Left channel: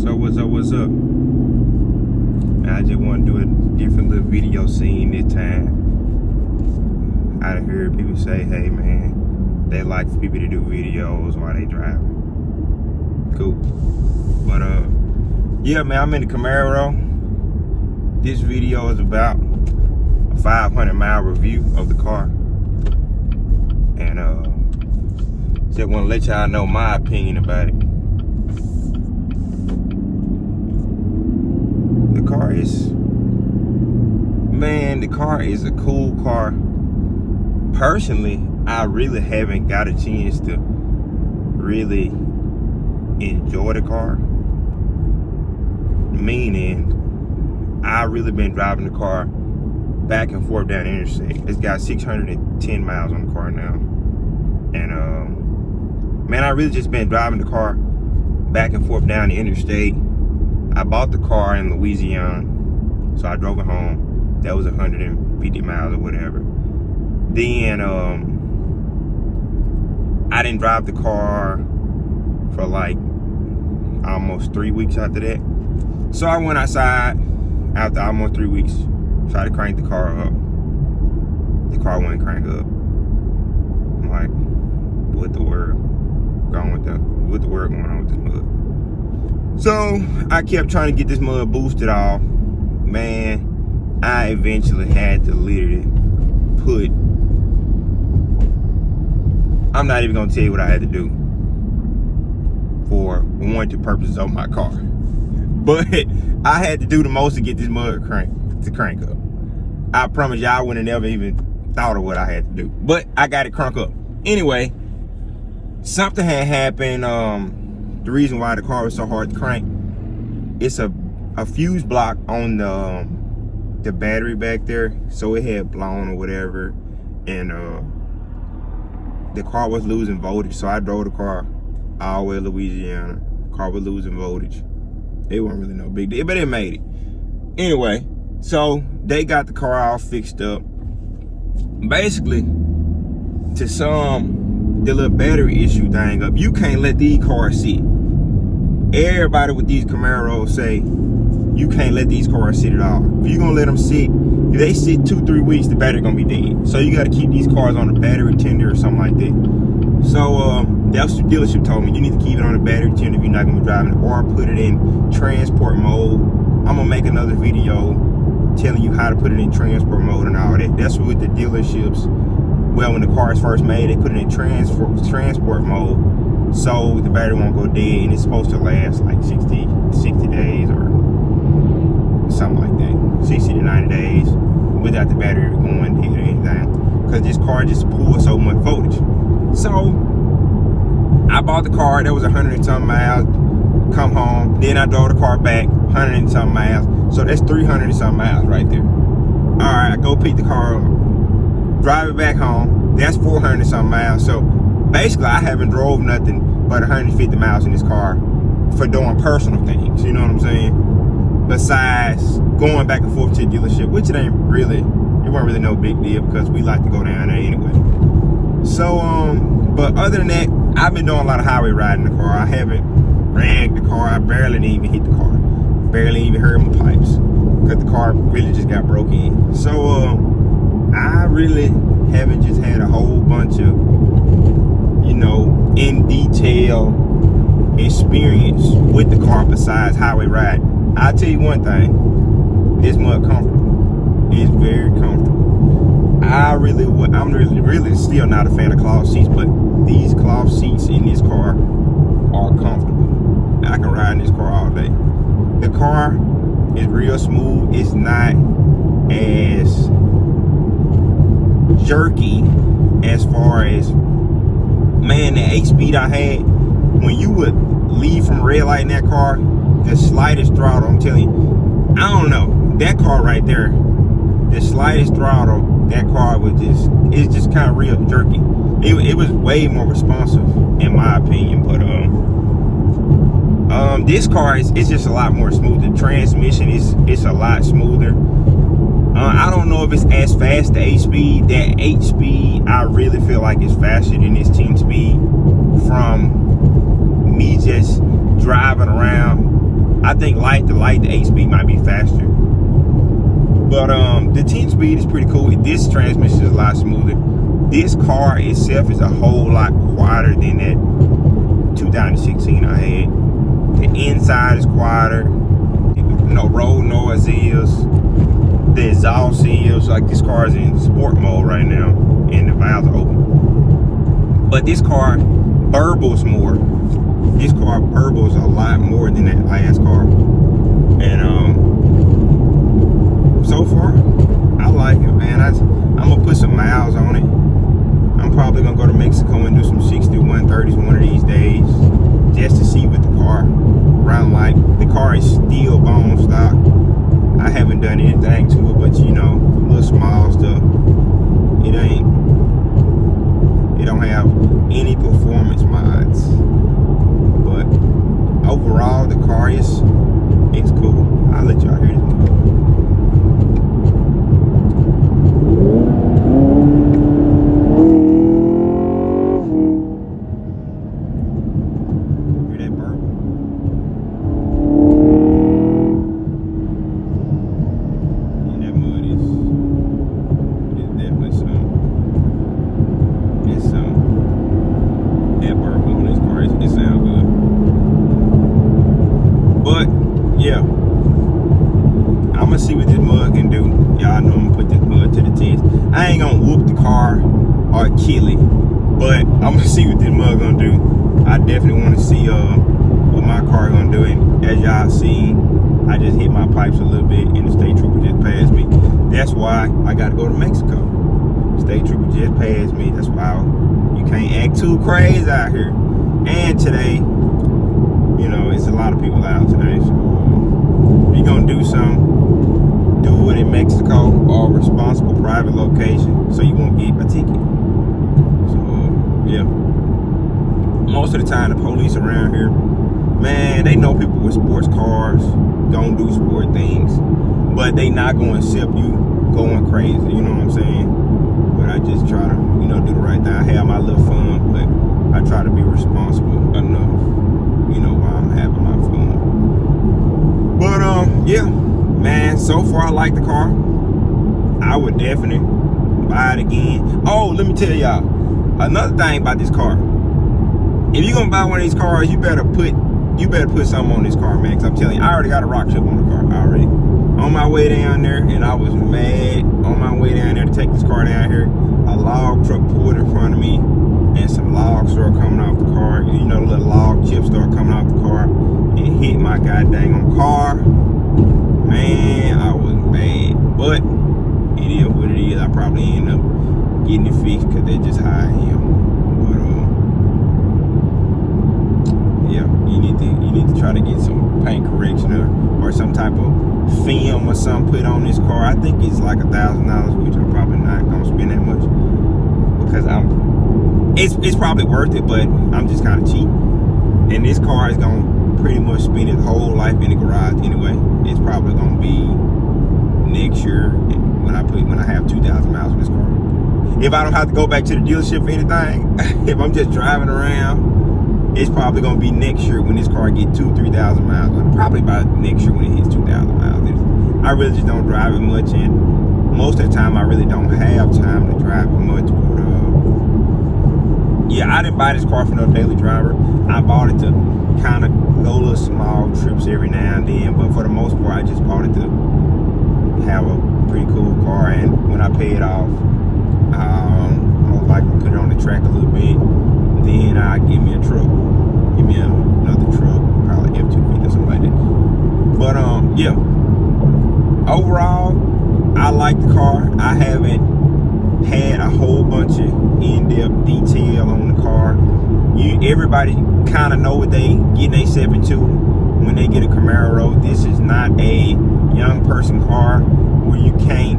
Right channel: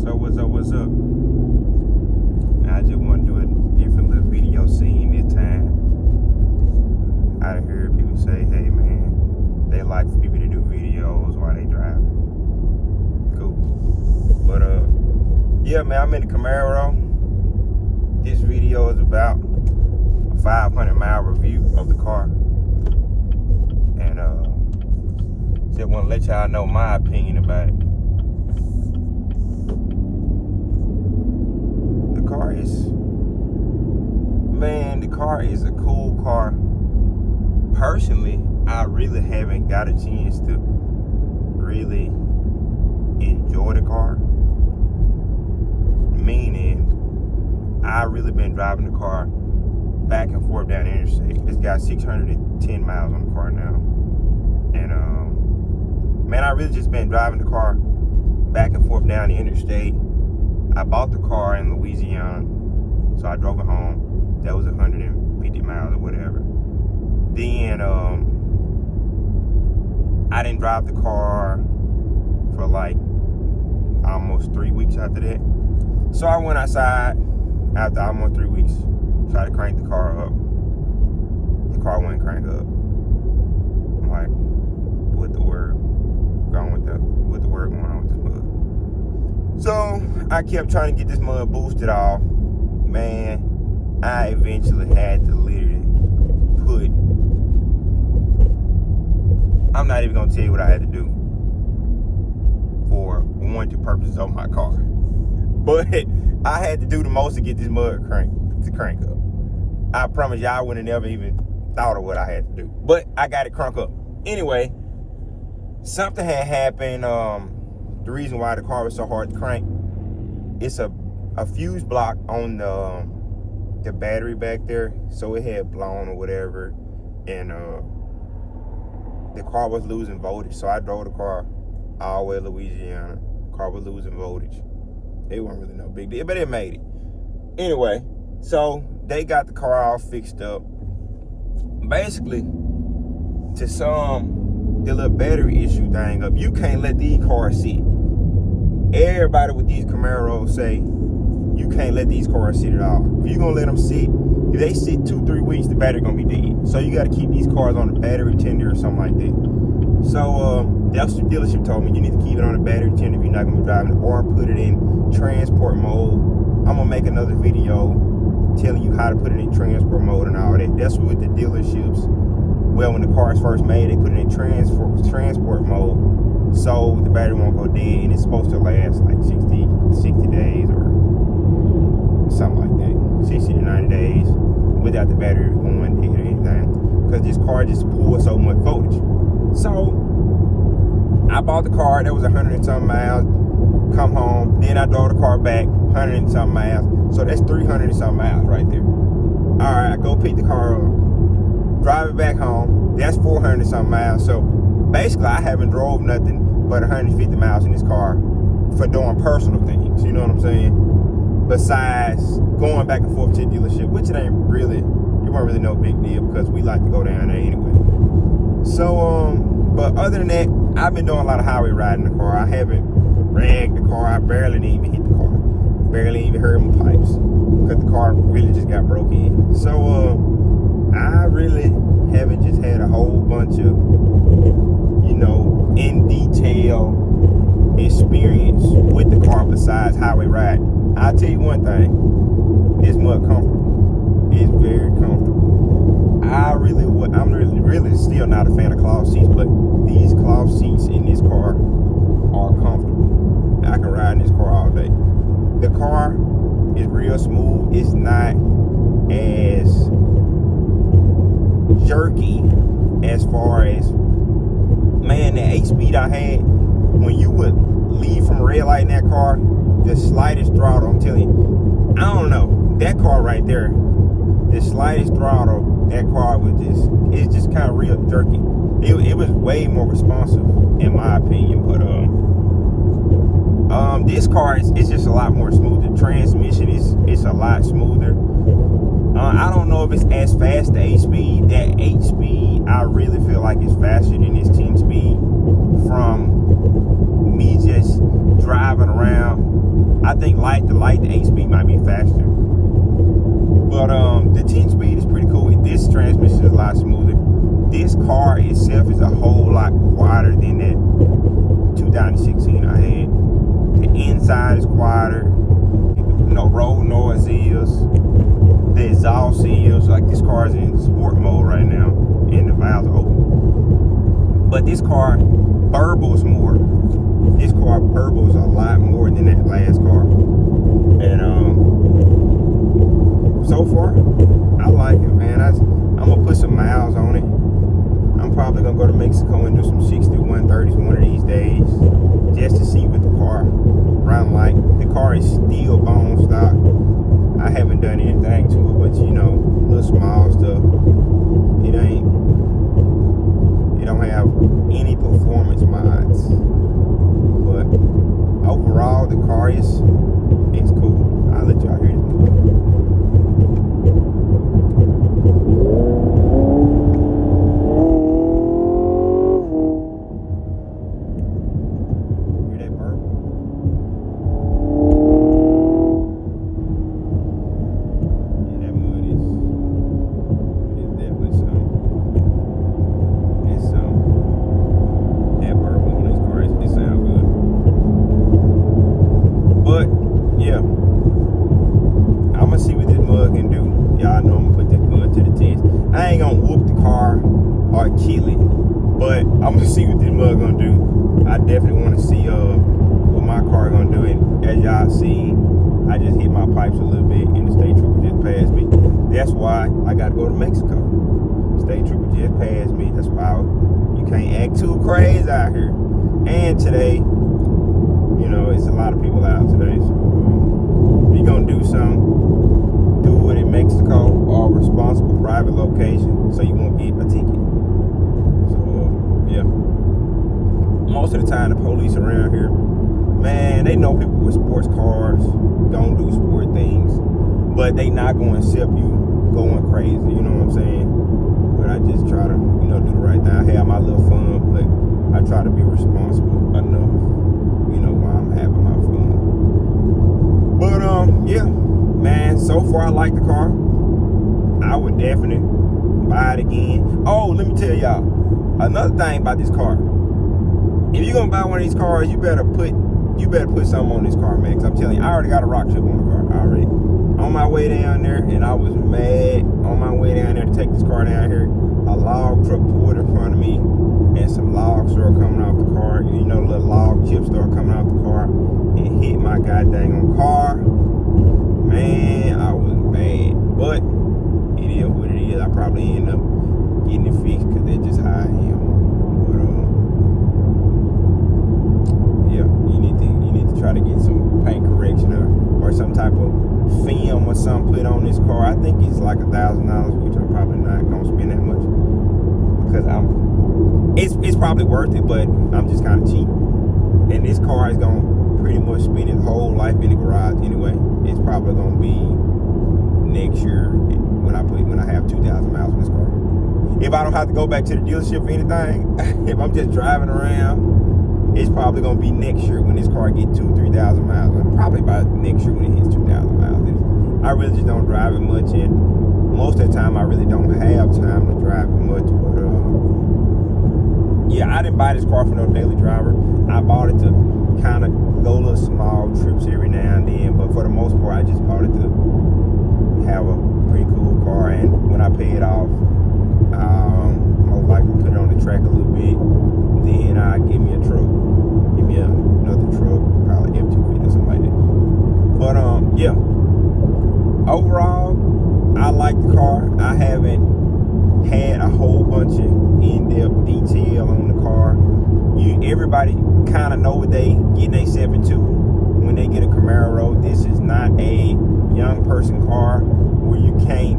So what's up? I just want to do a different little video scene this time. I done heard people say, hey man, they like for people to do videos while they driving. Cool. But yeah man, I'm in the Camaro. This video is about a 500-mile review of the car. And just want to let y'all know my opinion about it. The car is a cool car. Personally, I really haven't got a chance to really enjoy the car. Meaning, I really been driving the car back and forth down the interstate. It's got 610 miles on the car now. And man, I really just been driving the car back and forth down the interstate. I bought the car in Louisiana, so I drove it home. That was 150 miles or whatever. Then I didn't drive the car for like almost 3 weeks after that. So I went outside after almost 3 weeks, tried to crank the car up. The car wouldn't crank up. I'm like, what the word going on with this mud? So I kept trying to get this mud boosted off. Man, I eventually had to literally put, I'm not even gonna tell you what I had to do for warranty purposes on my car. But I had to do the most to get this mud crank up. I promise y'all I wouldn't have never even thought of what I had to do. But I got it cranked up. Anyway, something had happened. The reason why the car was so hard to crank, it's a fuse block on the battery back there, so it had blown or whatever, and the car was losing voltage. So I drove the car all the way to Louisiana. The car was losing voltage. It wasn't really no big deal, but it made it. Anyway, so they got the car all fixed up. Basically, to sum the little battery issue thing up, you can't let these cars sit. Everybody with these Camaros say you can't let these cars sit at all. If you're gonna let them sit, if they sit 2-3 weeks, the battery gonna be dead. So you gotta keep these cars on a battery tender or something like that. So that's what the dealership told me. You need to keep it on a battery tender if you're not gonna be driving it, or put it in transport mode. I'm gonna make another video telling you how to put it in transport mode and all that. That's what the dealerships, well, when the car is first made, they put it in transport mode, so the battery won't go dead, and it's supposed to last like 60 days or something like that, 60 to 90 days without the battery going dead or anything, because this car just pulls so much voltage. So I bought the car, that was 100 and something miles, come home, then I drove the car back 100 and something miles, so that's 300 and something miles right there. All right, I go pick the car up, drive it back home, that's 400 and something miles. So basically I haven't drove nothing but 150 miles in this car for doing personal things, you know what I'm saying? Besides going back and forth to the dealership, which it wasn't really no big deal, because we like to go down there anyway. So but other than that, I've been doing a lot of highway riding the car. I haven't ragged the car. I barely even hit the car, barely even heard my pipes, because the car really just got broke in. So I really haven't just had a whole bunch of, you know, in detail experience with the car besides highway ride. I'll tell you one thing, this mud comfortable. It's very comfortable. I'm really still not a fan of cloth seats, but these cloth seats in this car are comfortable. I can ride in this car all day. The car is real smooth. It's not as jerky as far as, man, the 8-speed I had, when you would leave from a red light in that car, the slightest throttle, I'm telling you, I don't know, that car right there, the slightest throttle, that car was it's just kind of real jerky. It was way more responsive in my opinion, but this car it's just a lot more smooth. The transmission it's a lot smoother. I don't know if it's as fast, the 8-speed. That 8-speed, I really feel like it's faster than this 10-speed. From me just driving around think the 8-speed might be faster. But the 10-speed is pretty cool. This transmission is a lot smoother. This car itself is a whole lot quieter than that 2016 I had. The inside is quieter. No road noise is. The exhaust is. Like, this car is in sport mode right now, and the valves are open. But this car burbles more. This car burbles a lot more than that last car. And so far, I like it, man. I'm gonna put some miles on it. I'm probably gonna go to Mexico and do some 6130s one of these days, just to see what the car run like. The car is still bone stock. I haven't done anything to it, but you know, little small stuff. It don't have any performance mods, but overall the car it's cool. I'll let y'all hear it. I just hit my pipes a little bit and the state trooper just passed me. That's why I gotta go to Mexico. State trooper just passed me. That's why you can't act too crazy out here. And today, you know, it's a lot of people out today. So if you're gonna do something, do it in Mexico or a responsible private location so you won't get a ticket. So yeah. Most of the time the police around here, man, they know people with sports cars don't do sport things, but they not going to accept you going crazy, you know what I'm saying? But I just try to, you know, do the right thing. I have my little fun, but I try to be responsible enough, you know, while I'm having my fun. But yeah, man, so far I like the car. I would definitely buy it again. Oh, let me tell y'all another thing about this car. If you're gonna buy one of these cars, you better put something on this car, man. Cause I'm telling you, I already got a rock chip on the car already. On my way down there, and I was mad. On my way down there to take this car down here, a log truck pulled in front of me, and some logs started coming off the car. You know, the little log chips started coming off the car and hit my goddamn car. Man, I was mad. But it is what it is. I probably end up getting it fixed because that's just how I am. Yeah, you need to try to get some paint correction or some type of film or something put on this car. I think it's like $1,000, which I'm probably not gonna spend that much because it's probably worth it, but I'm just kind of cheap. And this car is gonna pretty much spend its whole life in the garage anyway. It's probably gonna be next year when I have 2,000 miles on this car. If I don't have to go back to the dealership for anything, if I'm just driving around, it's probably gonna be next year when this car gets 2,000-3,000 miles. Probably by next year when it hits 2,000 miles. I really just don't drive it much, and most of the time I really don't have time to drive it much. But yeah, I didn't buy this car for no daily driver. I bought it to kind of go little small trips every now and then, but for the most part, I just bought it to have a pretty cool car. And when I pay it off, most likely put it on the track a little bit. Then I give me a truck. Give me another truck, probably F250 or something like that. But yeah. Overall, I like the car. I haven't had a whole bunch of in-depth detail on the car. Everybody kind of know what they getting themselves into when they get a Camaro. This is not a young person car where you can't.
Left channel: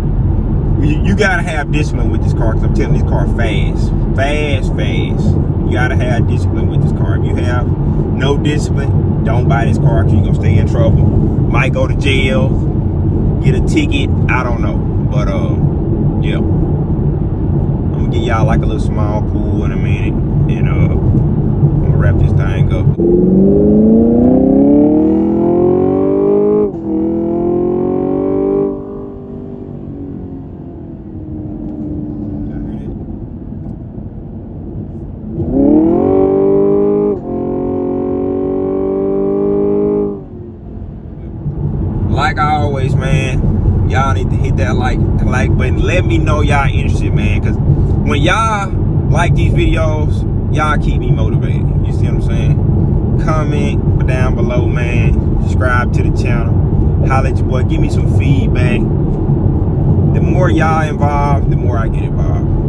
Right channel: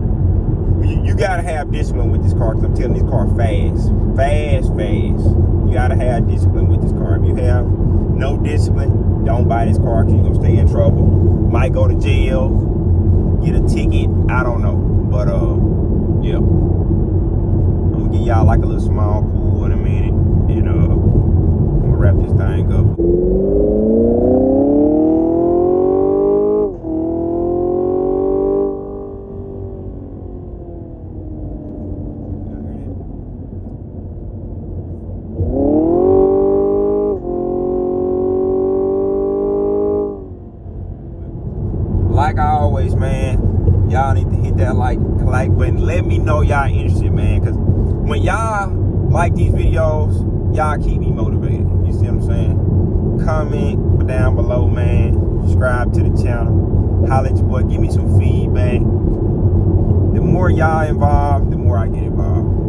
You gotta have discipline with this car, because I'm telling you, this car fast. You gotta have discipline with this car. If you have no discipline, don't buy this car, because you're gonna stay in trouble. Might go to jail, get a ticket, I don't know. But yeah. I'm gonna give y'all like a little small pool in a minute, and I'm gonna wrap this thing up. Y'all need to hit that like button. Let me know y'all interested, man. Cause when y'all like these videos, y'all keep me motivated. You see what I'm saying? Comment down below, man. Subscribe to the channel. Holla at your boy. Give me some feedback. The more y'all involved, the more I get involved.